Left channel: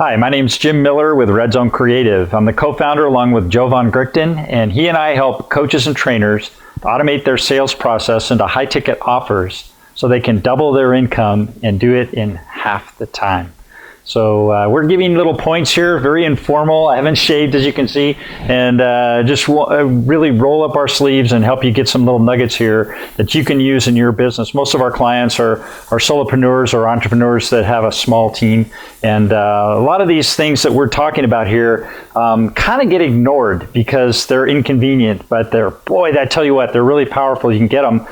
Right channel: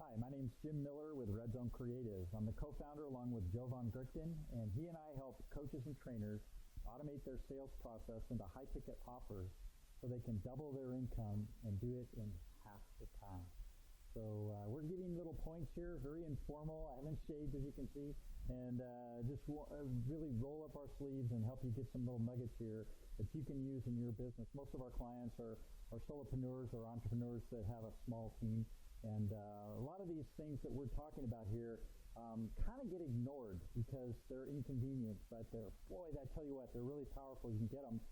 Hi, my name's Jim Miller with Red Zone Creative. I'm the co-founder along with Jovan Grichton, and he and I help coaches and trainers automate their sales process into high-ticket offers so they can double their income and do it in half the time. So we're giving little points here, very informal. I haven't shaved, as you can see, and just really roll up our sleeves and help you get some little nuggets here that you can use in your business. Most of our clients are solopreneurs or entrepreneurs that have a small team, and a lot of these things that we're talking about here kind of get ignored because they're inconvenient, but I tell you what, they're really powerful. You can get them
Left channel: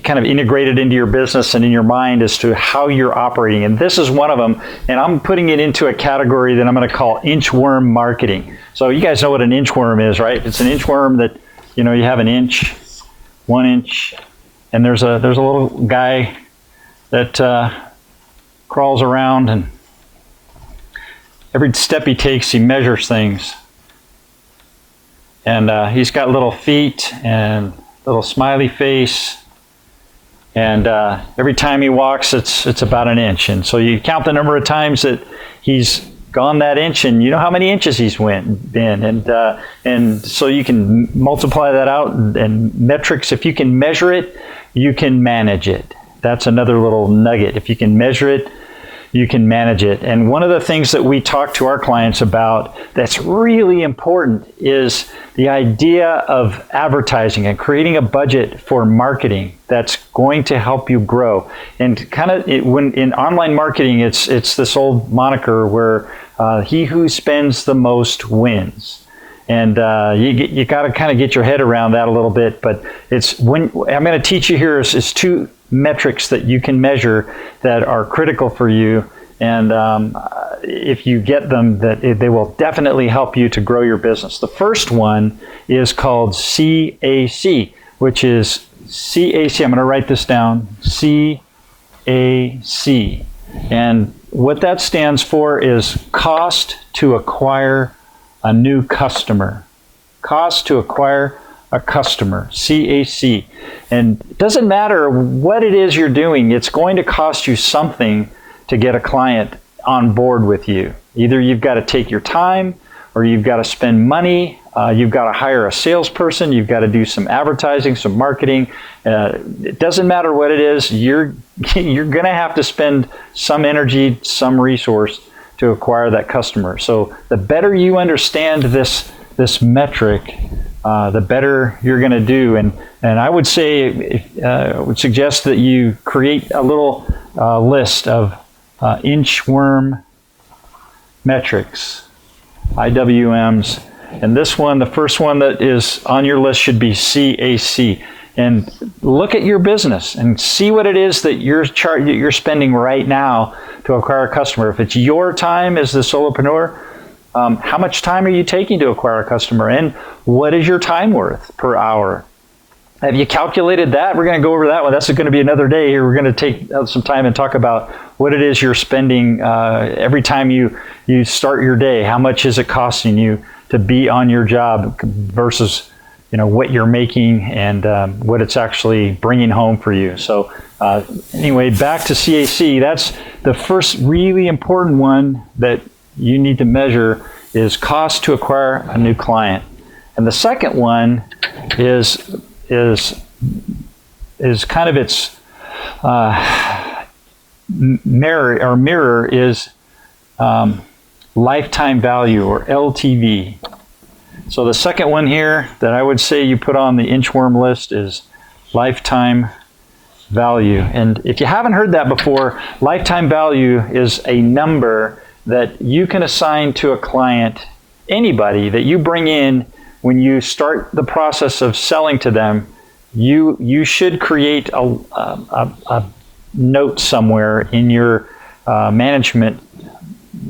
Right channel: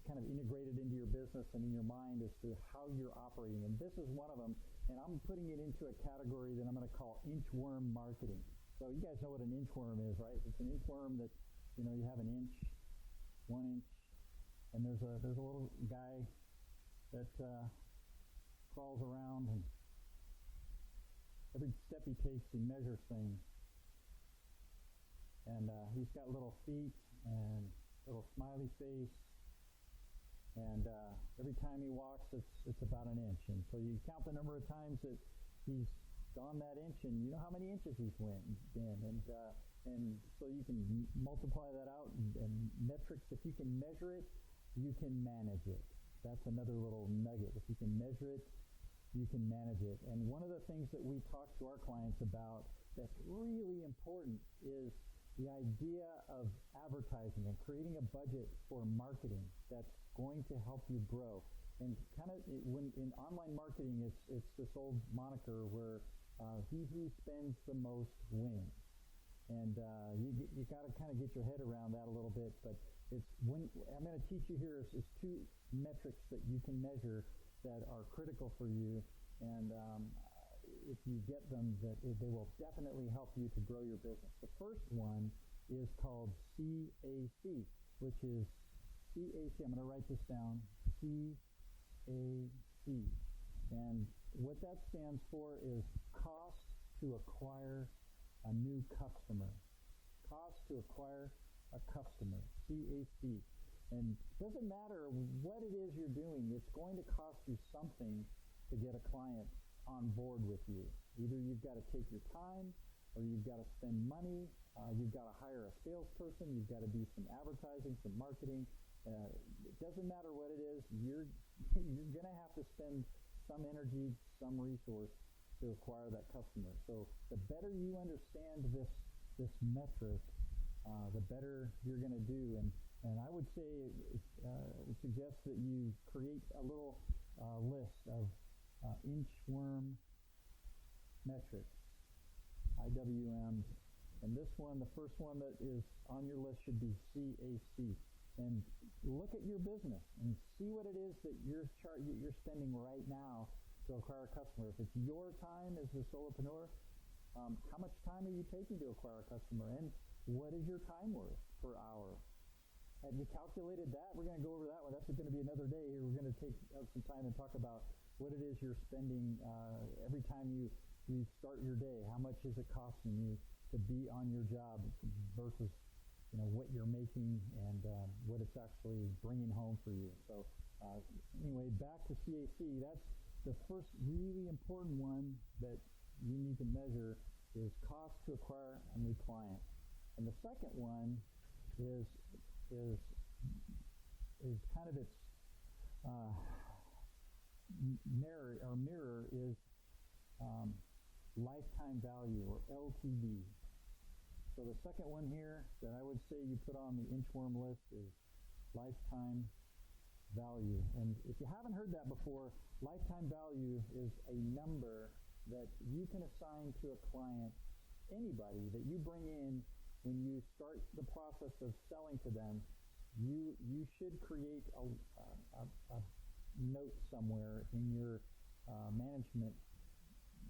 kind of integrated into your business and in your mind as to how you're operating, and this is one of them. And I'm putting it into a category that I'm going to call inchworm marketing. So you guys know what an inchworm is, right? It's an inchworm that, you have an inch, 1 inch, and there's a little guy that crawls around, and every step he takes, he measures things. And he's got little feet and little smiley face. And every time he walks, it's about an inch. And so you count the number of times that he's gone that inch, and you know how many inches he's been. And so you can multiply that out. And metrics, if you can measure it, you can manage it. That's another little nugget. If you can measure it, you can manage it. And one of the things that we talk to our clients about that's really important is the idea of advertising and creating a budget for marketing that's going to help you grow. And when in online marketing, it's this old moniker where he who spends the most wins. And you got to kind of get your head around that a little bit. But I'm going to teach you here is two metrics that you can measure that are critical for you, and if you get them, they will definitely help you to grow your business. The first one is called CAC, which is CAC. I'm going to write this down. CAC, and what that stands for is cost to acquire a new customer. Cost to acquire a customer, CAC. And it doesn't matter what it is you're doing, it's going to cost you something to get a client on board with you. Either you've got to take your time, or you've got to spend money, you've got to hire a salesperson, you've got to do some advertising, some marketing. It doesn't matter what it is, you're going to have to spend some energy, some resource to acquire that customer. So the better you understand this metric, the better you're going to do. And I would say, I would suggest that you create a little list of inchworm metrics, IWMs. And this one, the first one that is on your list should be CAC. And look at your business and see what it is that you're spending right now to acquire a customer. If it's your time as the solopreneur, how much time are you taking to acquire a customer, and what is your time worth per hour? Have you calculated that? We're going to go over that one. That's going to be another day here. We're going to take some time and talk about what it is you're spending every time you start your day. How much is it costing you to be on your job versus what you're making and what it's actually bringing home for you. So anyway, back to CAC. That's the first really important one that you need to measure is cost to acquire a new client. And the second one is kind of its mirror is lifetime value, or LTV. So the second one here that I would say you put on the inchworm list is lifetime value. And if you haven't heard that before, lifetime value is a number that you can assign to a client, anybody that you bring in when you start the process of selling to them. You should create a note somewhere in your management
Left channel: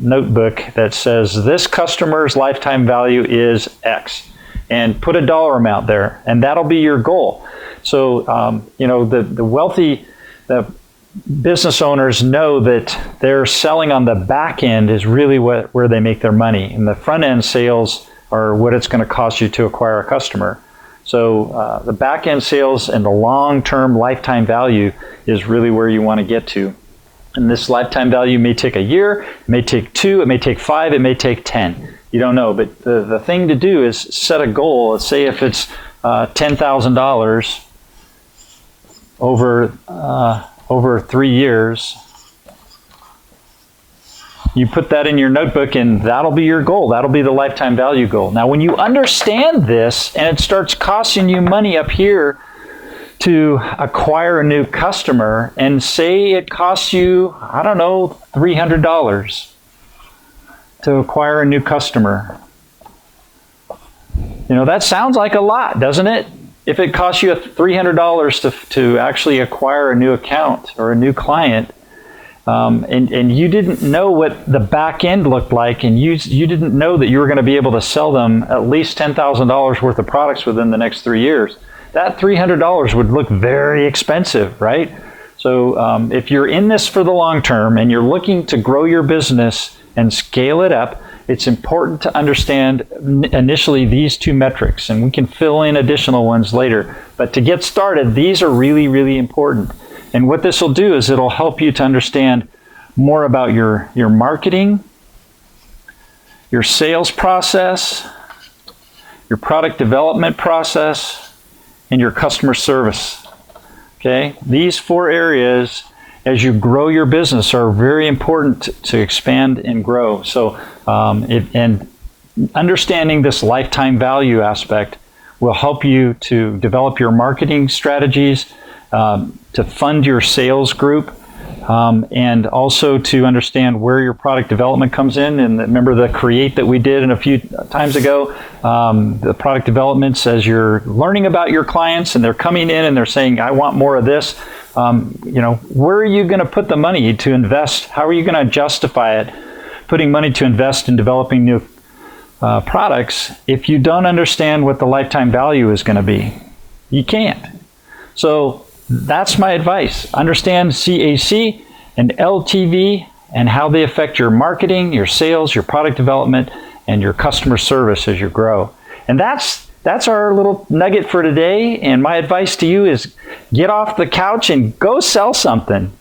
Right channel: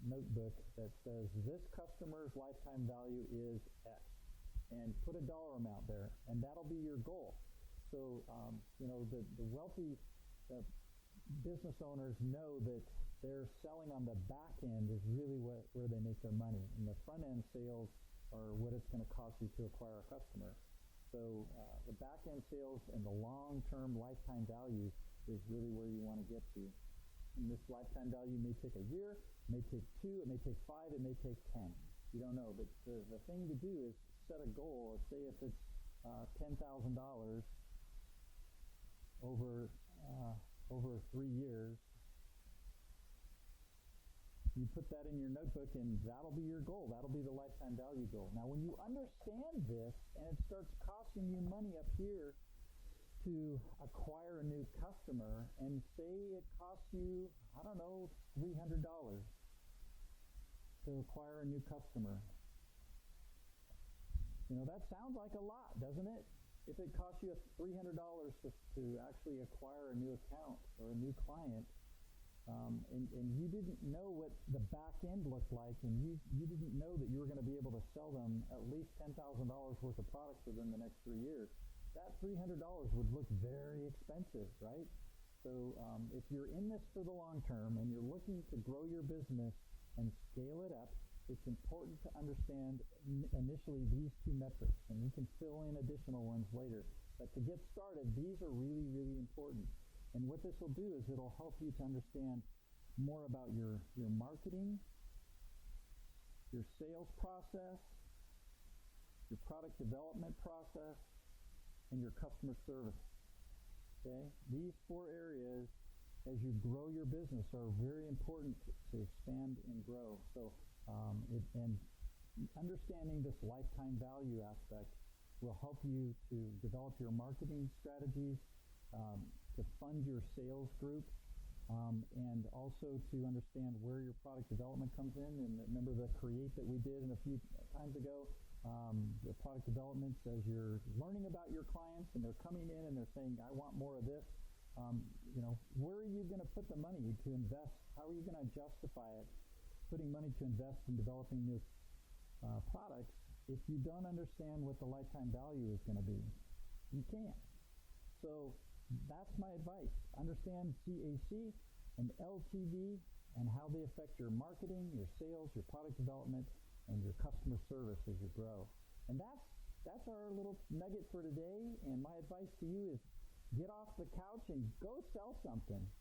notebook that says this customer's lifetime value is X, and put a dollar amount there, and that'll be your goal. So the wealthy business owners know that their selling on the back end is really where they make their money, and the front end sales are what it's going to cost you to acquire a customer. So the back end sales and the long-term lifetime value is really where you want to get to. And this lifetime value may take a year, it may take 2, it may take 5, it may take 10. You don't know, but the thing to do is set a goal. Let's say if it's $10,000 over 3 years, you put that in your notebook and that'll be your goal. That'll be the lifetime value goal. Now, when you understand this and it starts costing you money up here to acquire a new customer, and say it costs you, I don't know, $300 to acquire a new customer. You know, that sounds like a lot, doesn't it? If it costs you $300 to actually acquire a new account or a new client, and you didn't know what the back end looked like, and you didn't know that you were going to be able to sell them at least $10,000 worth of products within the next 3 years, that $300 would look very expensive, right? So if you're in this for the long term and you're looking to grow your business and scale it up, it's important to understand initially these 2 metrics, and we can fill in additional ones later. But to get started, these are really, really important. And what this will do is it'll help you to understand more about your marketing, your sales process, your product development process, and your customer service. Okay? These 4 areas, as you grow your business, are very important to expand and grow. So, and understanding this lifetime value aspect will help you to develop your marketing strategies, to fund your sales group, and also to understand where your product development comes in. And remember the create that we did a few times ago, the product developments, as you're learning about your clients and they're coming in and they're saying, I want more of this, you know, where are you going to put the money to invest? How are you going to justify it, putting money to invest in developing new products, if you don't understand what the lifetime value is going to be? You can't. So that's my advice. Understand CAC and LTV and how they affect your marketing, your sales, your product development, and your customer service as you grow. And that's our little nugget for today. And my advice to you is get off the couch and go sell something.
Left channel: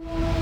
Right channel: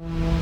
you.